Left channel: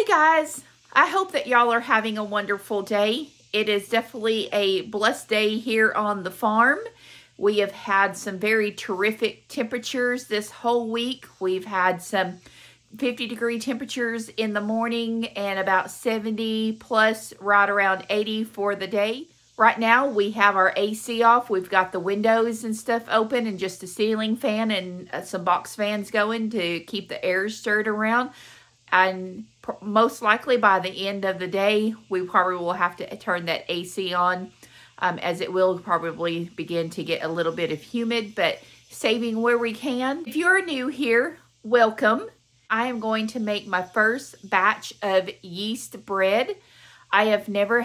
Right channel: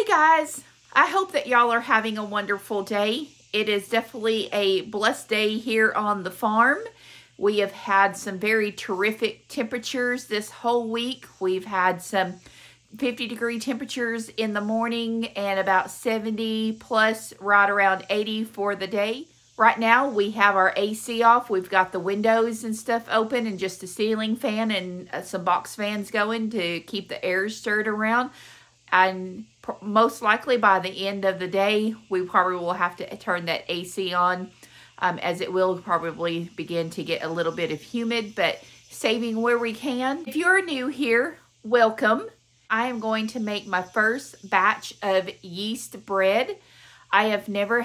Hey guys, I hope that y'all are having a wonderful day. It is definitely a blessed day here on the farm. We have had some very terrific temperatures this whole week. We've had some 50-degree temperatures in the morning and about 70 plus right around 80 for the day. Right now we have our AC off. We've got the windows and stuff open and just a ceiling fan and some box fans going to keep the air stirred around. And most likely by the end of the day, we probably will have to turn that AC on as it will probably begin to get a little bit of humid, but saving where we can. If you're new here, welcome. I am going to make my first batch of yeast bread. I have never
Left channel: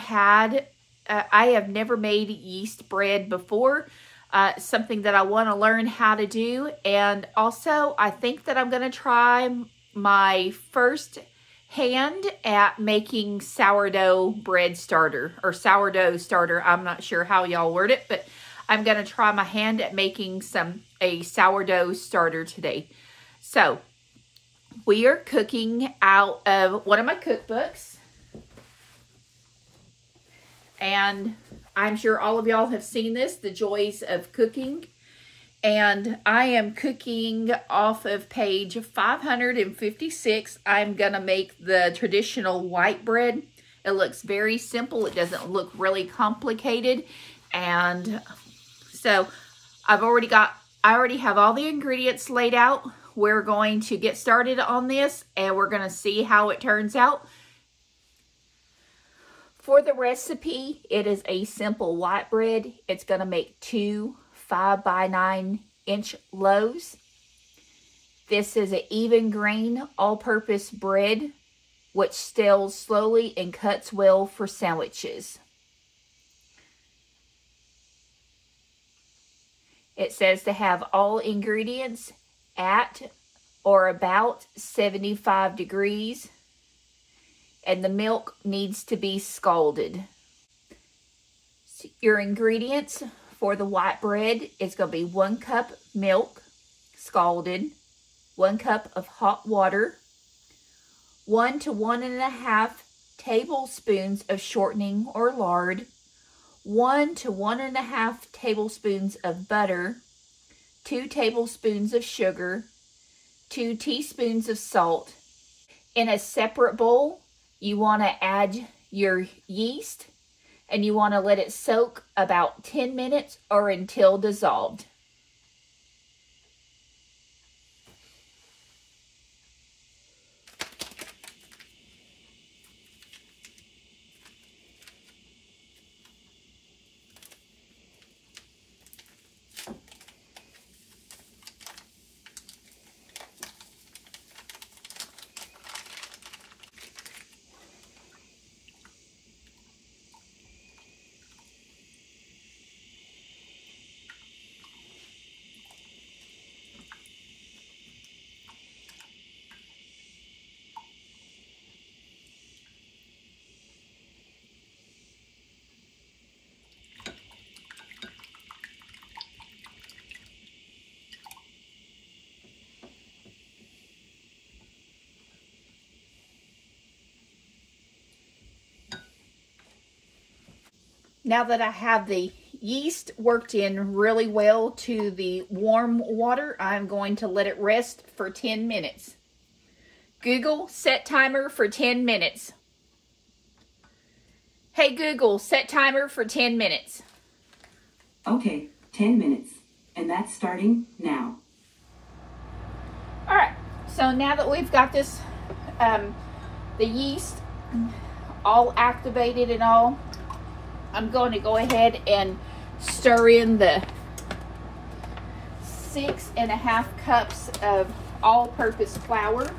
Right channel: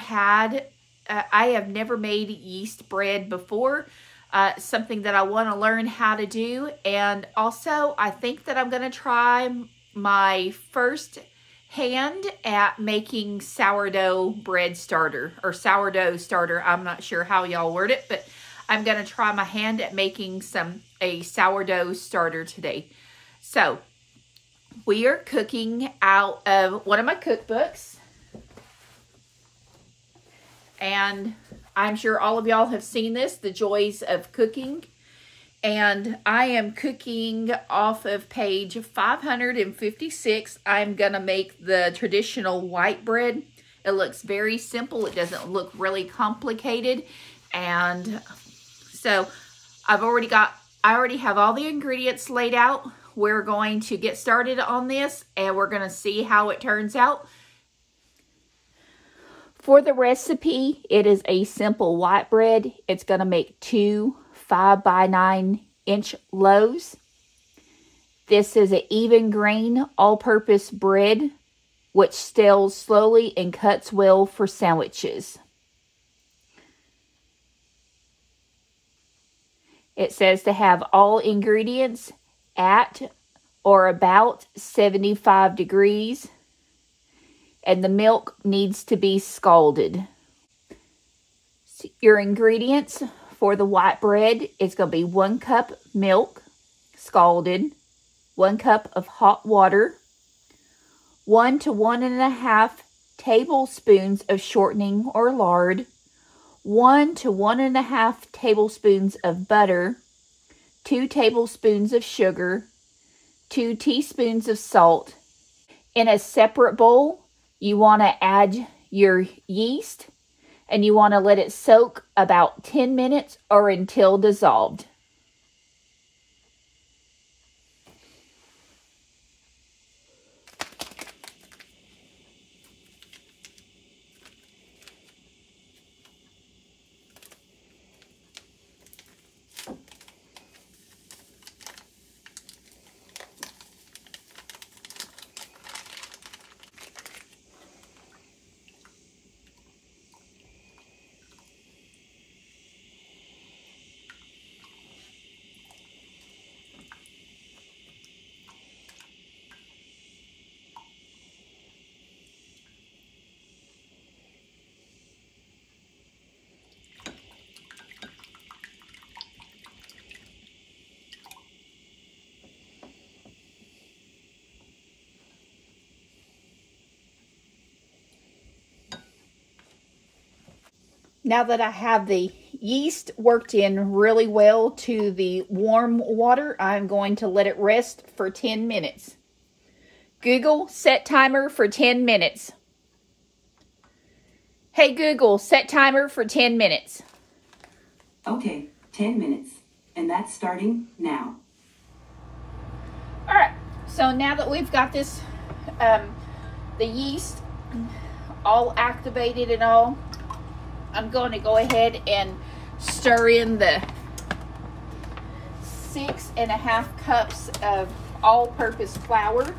made yeast bread before. Something that I want to learn how to do. And also, I think that I'm going to try my first hand at making sourdough bread starter or sourdough starter. I'm not sure how y'all word it, but I'm going to try my hand at making a sourdough starter today. So we are cooking out of one of my cookbooks, and I'm sure all of y'all have seen this, The Joys of Cooking. And I am cooking off of page 556. I'm going to make the traditional white bread. It looks very simple. It doesn't look really complicated. And so I already have all the ingredients laid out. We're going to get started on this and we're going to see how it turns out. For the recipe, it is a simple white bread. It's going to make 2 5 by 9 inch loaves. This is an even grain all-purpose bread which stales slowly and cuts well for sandwiches. It says to have all ingredients at or about 75 degrees, and the milk needs to be scalded. Your ingredients for the white bread is going to be 1 cup milk, scalded, 1 cup of hot water, 1 to 1.5 tablespoons of shortening or lard, 1 to 1.5 tablespoons of butter, 2 tablespoons of sugar, 2 teaspoons of salt. In a separate bowl, you want to add your yeast, and you want to let it soak about 10 minutes or until dissolved. Now that I have the yeast worked in really well to the warm water, I'm going to let it rest for 10 minutes. Google, set timer for 10 minutes. Hey Google, set timer for 10 minutes. Okay, 10 minutes. And that's starting now. All right, so now that we've got this, the yeast all activated and all, I'm going to go ahead and stir in the 6.5 cups of all-purpose flour.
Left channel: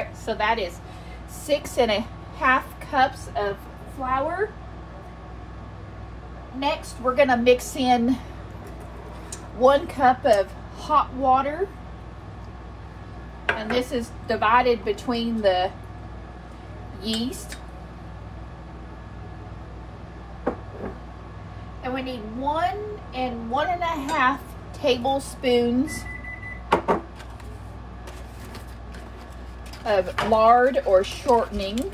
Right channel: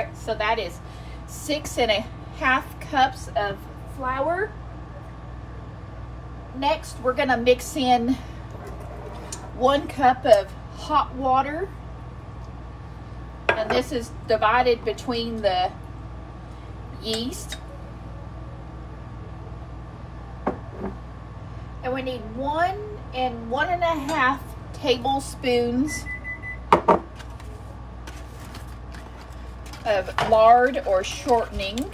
right, so that is 6½ cups of flour. Next, we're gonna mix in 1 cup of hot water. And this is divided between the yeast. And we need 1 and 1½ tablespoons of lard or shortening.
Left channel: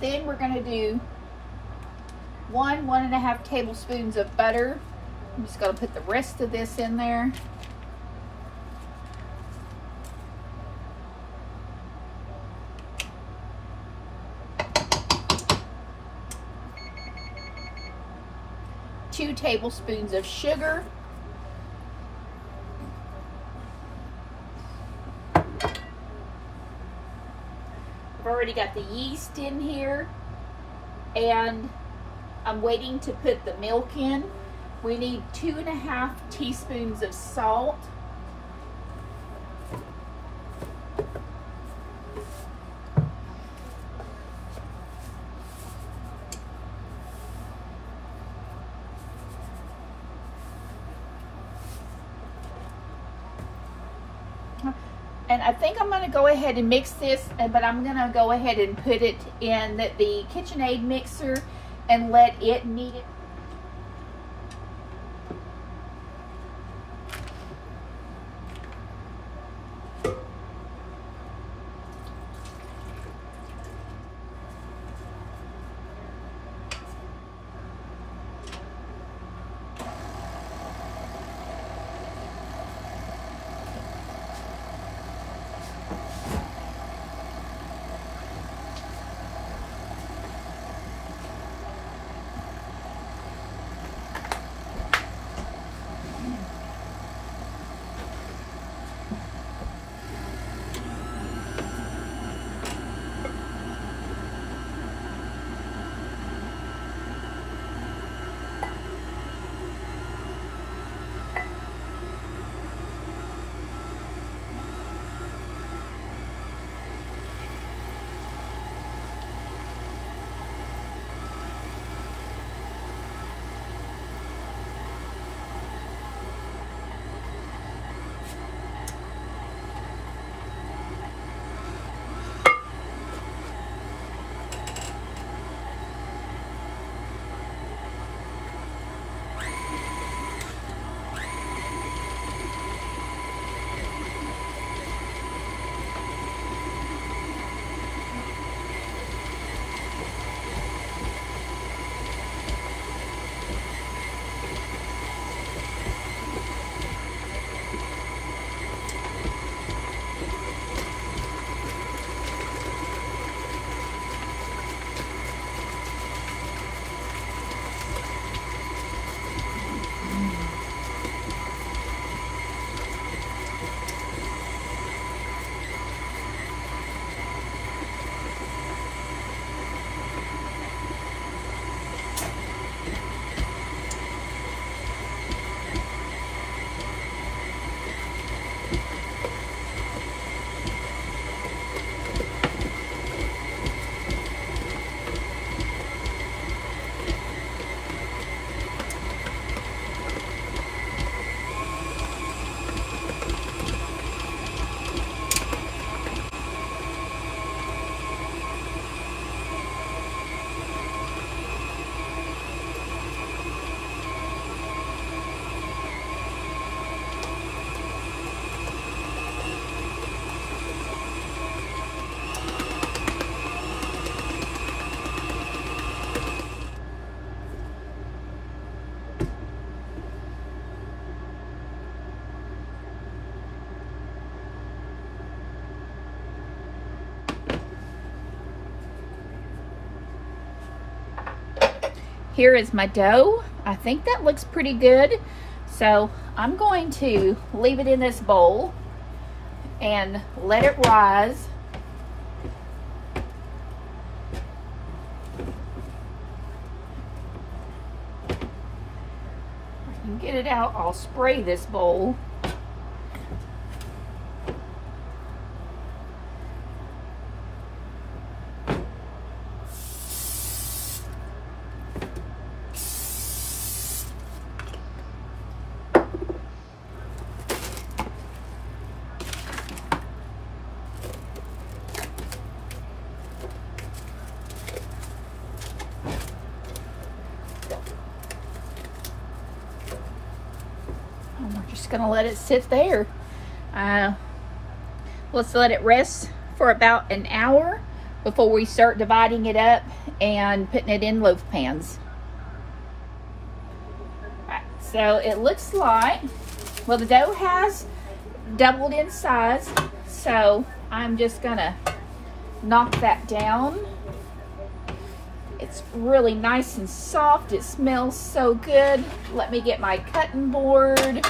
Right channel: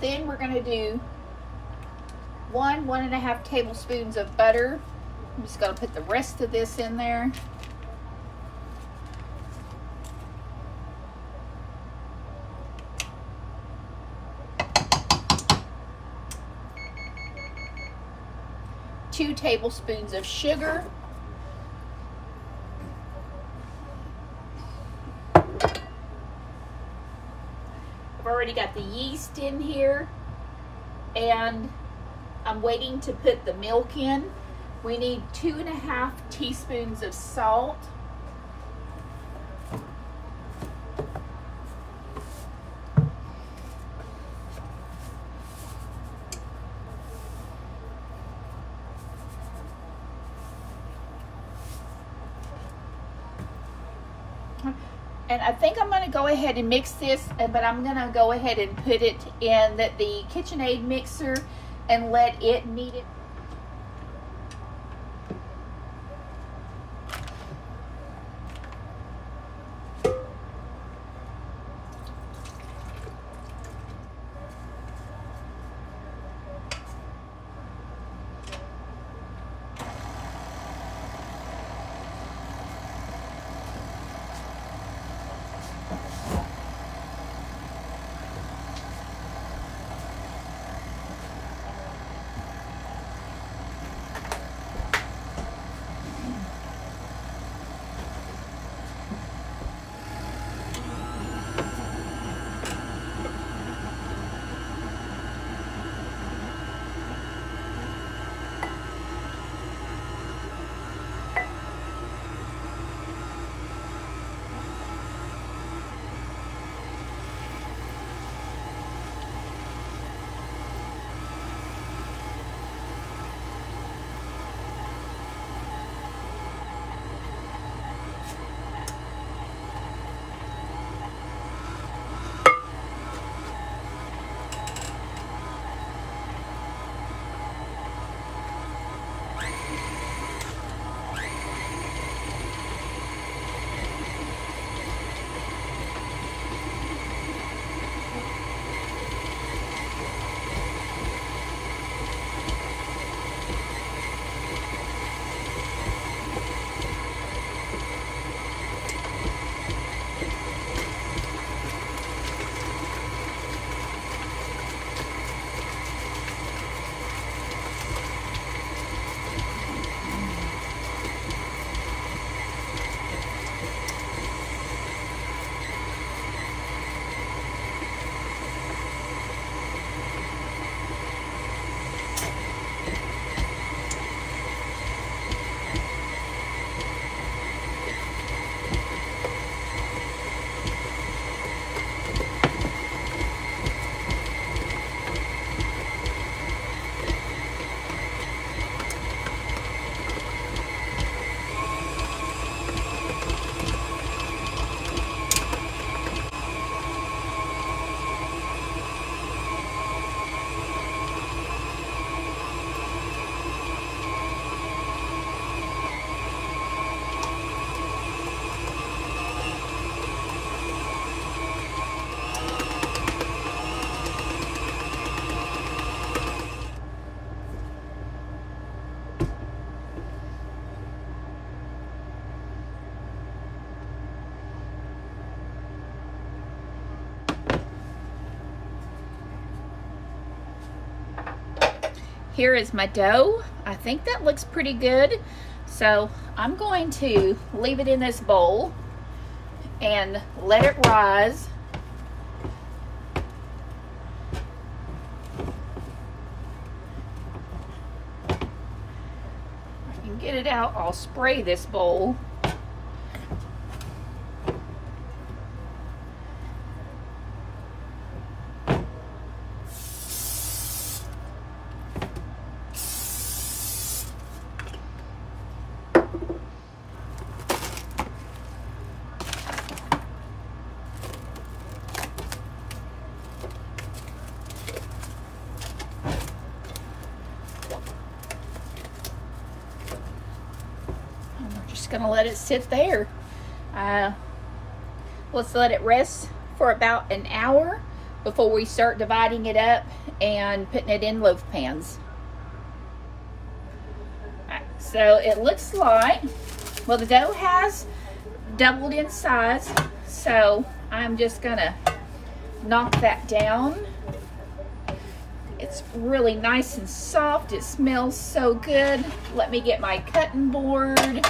Then we're going to do 1½ tablespoons of butter. I'm just going to put the rest of this in there. Two tablespoons of sugar. I've already got the yeast in here, and I'm waiting to put the milk in. We need 2½ teaspoons of salt. And I think I'm going to go ahead and mix this, but I'm going to go ahead and put it in the KitchenAid mixer and let it knead it. Here is my dough. I think that looks pretty good. So I'm going to leave it in this bowl and let it rise. If I can get it out, I'll spray this bowl. Gonna let it sit there. Let's let it rest for about an hour before we start dividing it up and putting it in loaf pans. Right, so it looks like, well, the dough has doubled in size, so I'm just gonna knock that down. It's really nice and soft. It smells so good. Let me get my cutting board.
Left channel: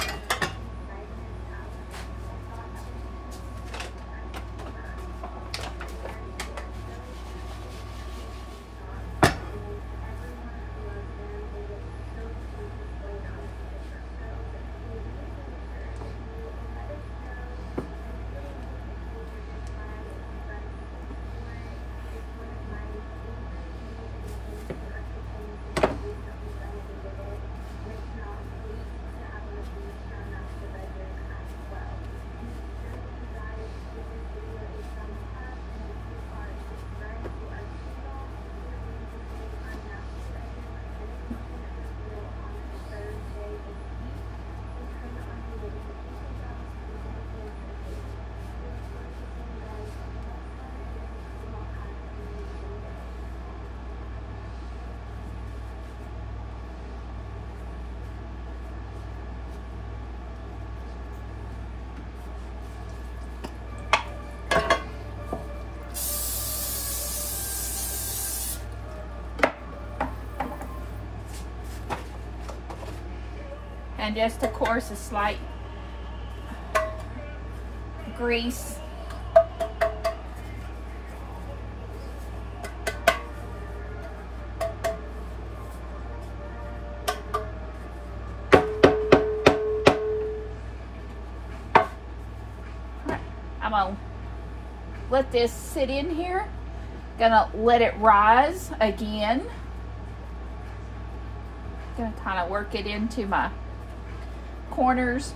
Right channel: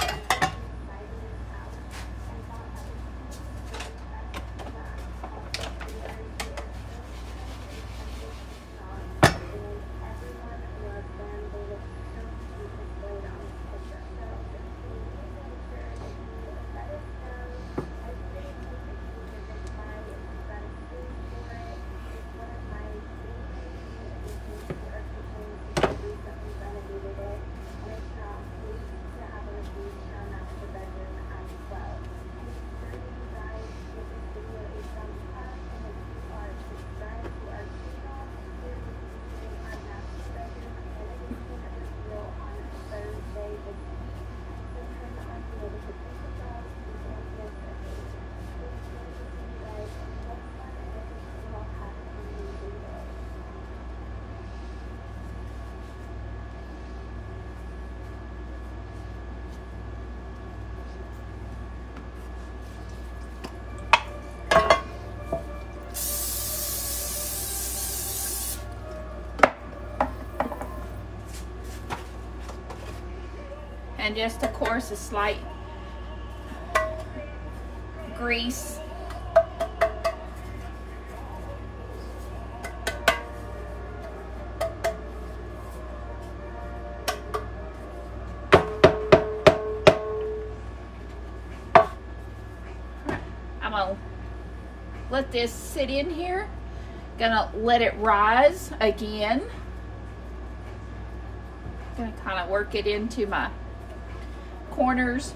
And just, of course, a slight grease. I'm gonna let this sit in here. Gonna let it rise again. Gonna kind of work it into my corners.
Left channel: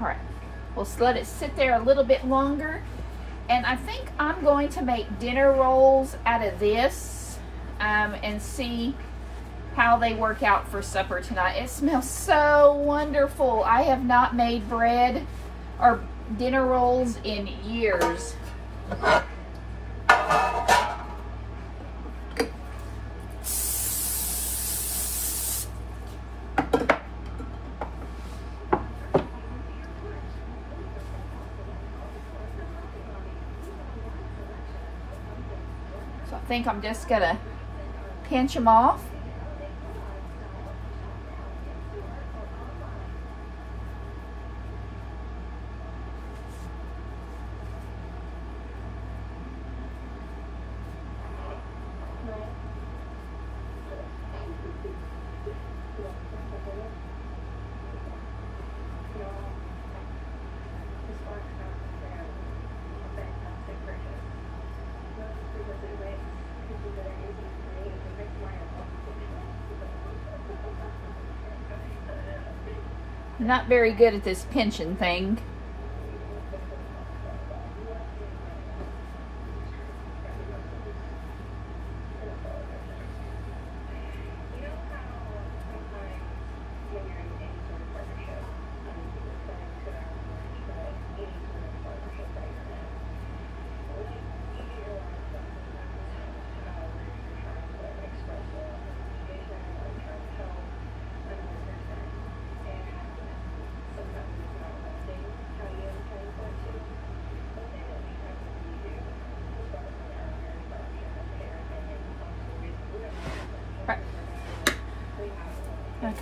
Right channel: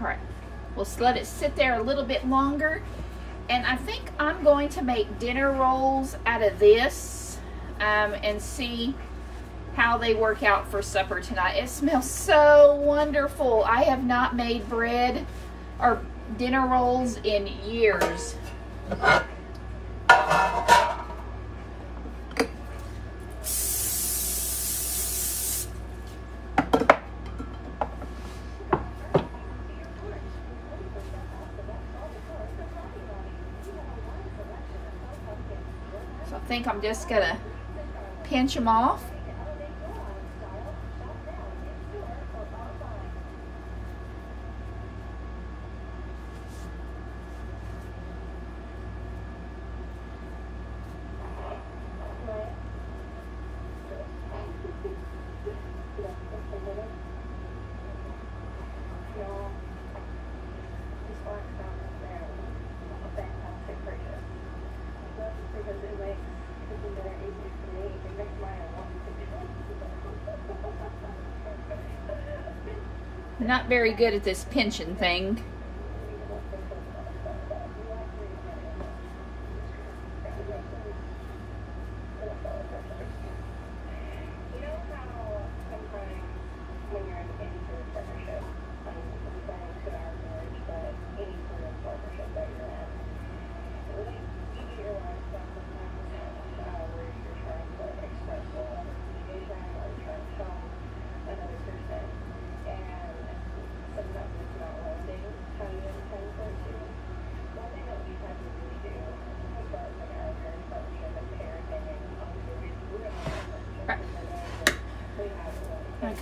All right, we'll just let it sit there a little bit longer. And I think I'm going to make dinner rolls out of this and see how they work out for supper tonight. It smells so wonderful. I have not made bread or dinner rolls in years. I think I'm just gonna pinch them off. Not very good at this pinching thing.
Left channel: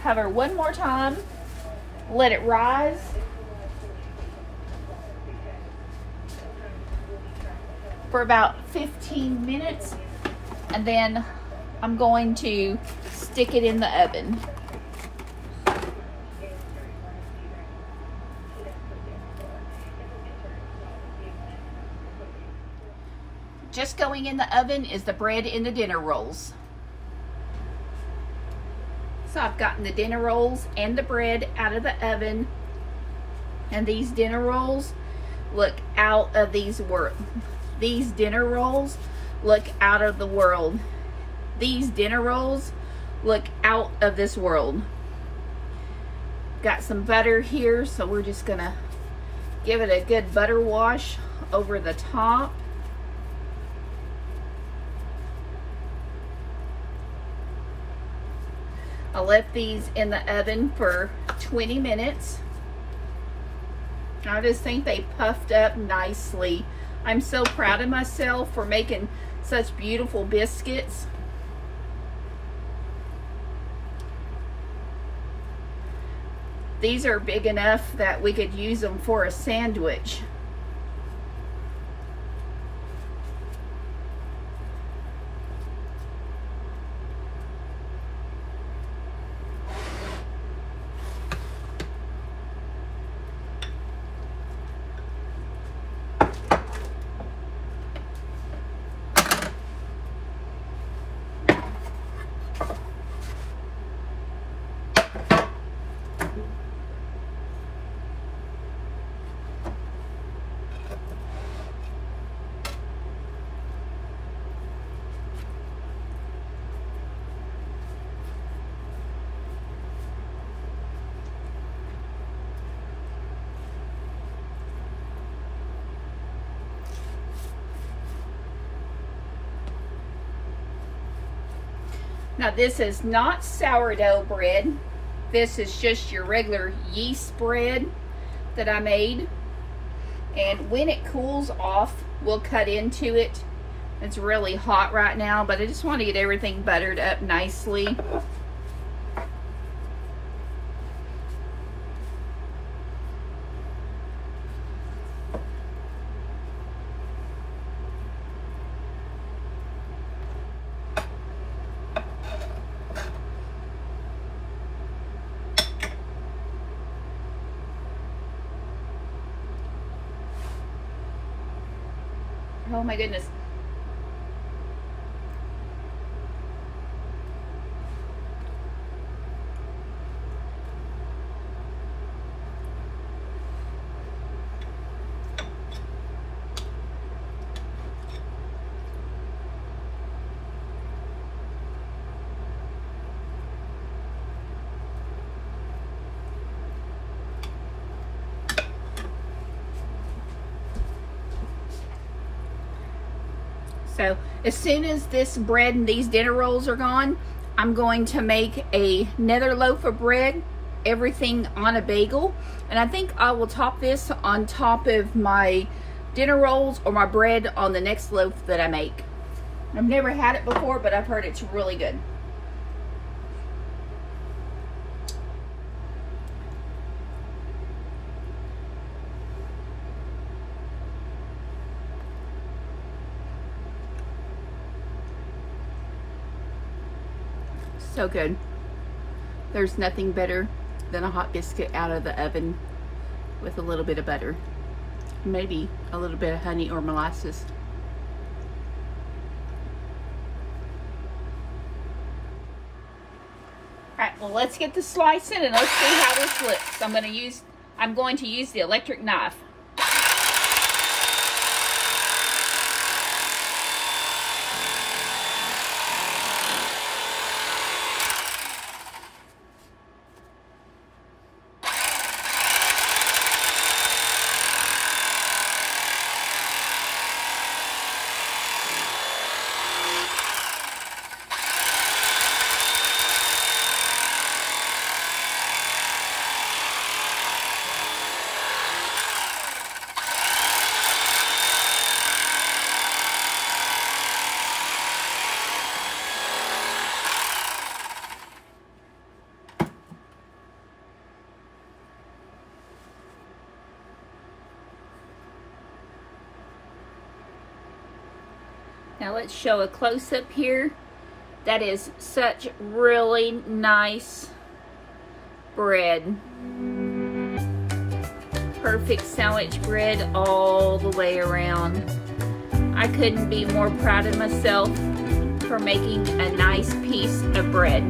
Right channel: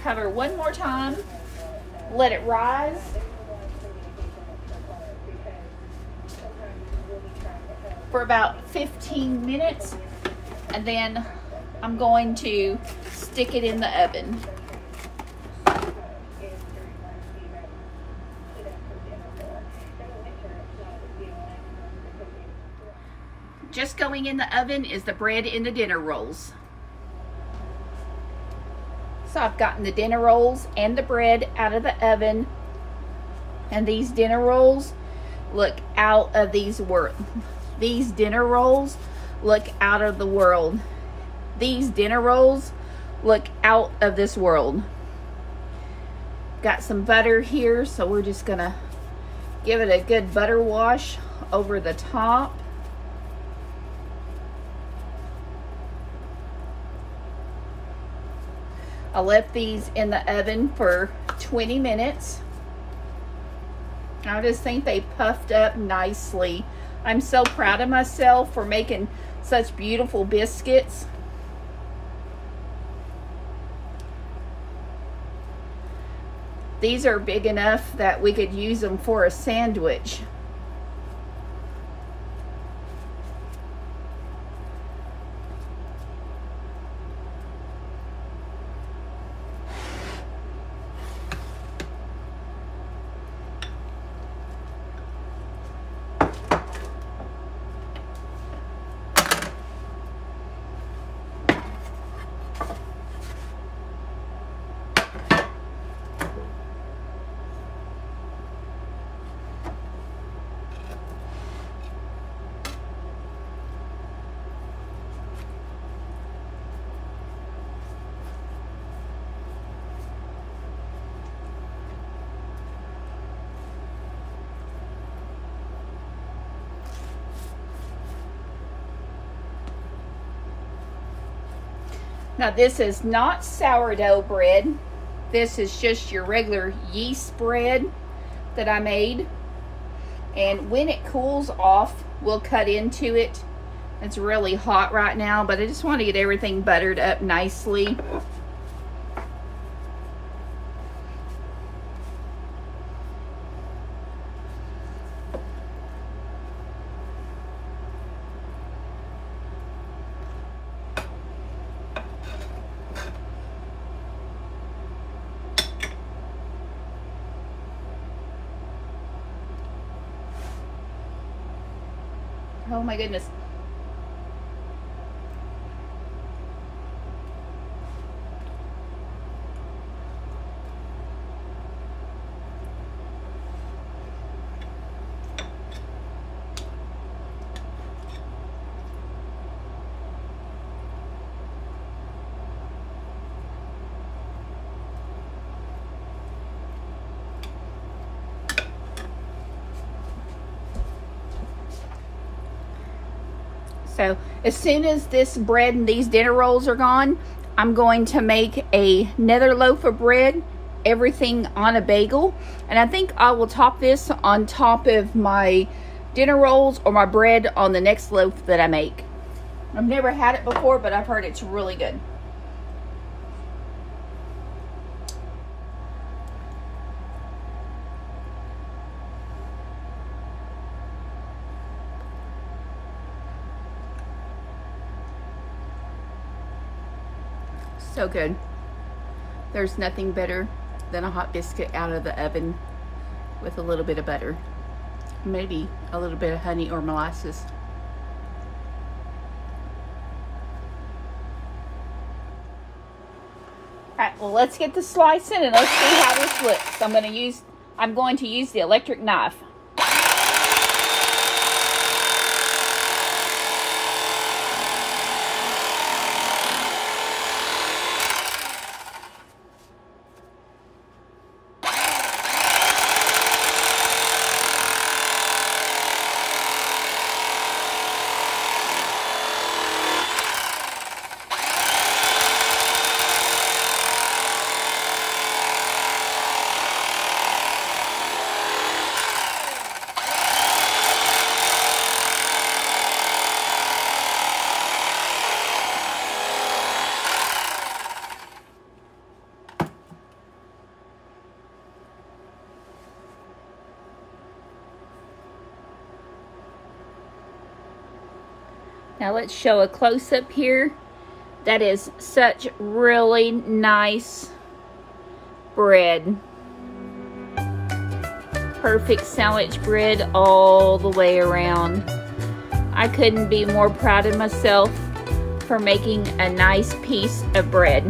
cover one more time. Let it rise. For about 15 minutes. And then I'm going to stick it in the oven. Just going in the oven is the bread and the dinner rolls. So I've gotten the dinner rolls and the bread out of the oven. And these dinner rolls look out of these dinner rolls look out of the world. These dinner rolls look out of this world. Got some butter here, so we're just gonna give it a good butter wash over the top. I left these in the oven for 20 minutes. I just think they puffed up nicely. I'm so proud of myself for making such beautiful biscuits. These are big enough that we could use them for a sandwich. Now this is not sourdough bread. This is just your regular yeast bread that I made. And when it cools off, we'll cut into it. It's really hot right now, but I just want to get everything buttered up nicely. Oh my goodness. So as soon as this bread and these dinner rolls are gone, I'm going to make another loaf of bread, everything on a bagel. And I think I will top this on top of my dinner rolls or my bread on the next loaf that I make. I've never had it before, but I've heard it's really good. So good. There's nothing better than a hot biscuit out of the oven with a little bit of butter. Maybe a little bit of honey or molasses. Alright, well let's get the slicing and let's see how this looks. I'm going to use the electric knife. Now let's show a close-up here. That is such really nice bread. Perfect sandwich bread all the way around. I couldn't be more proud of myself for making a nice piece of bread.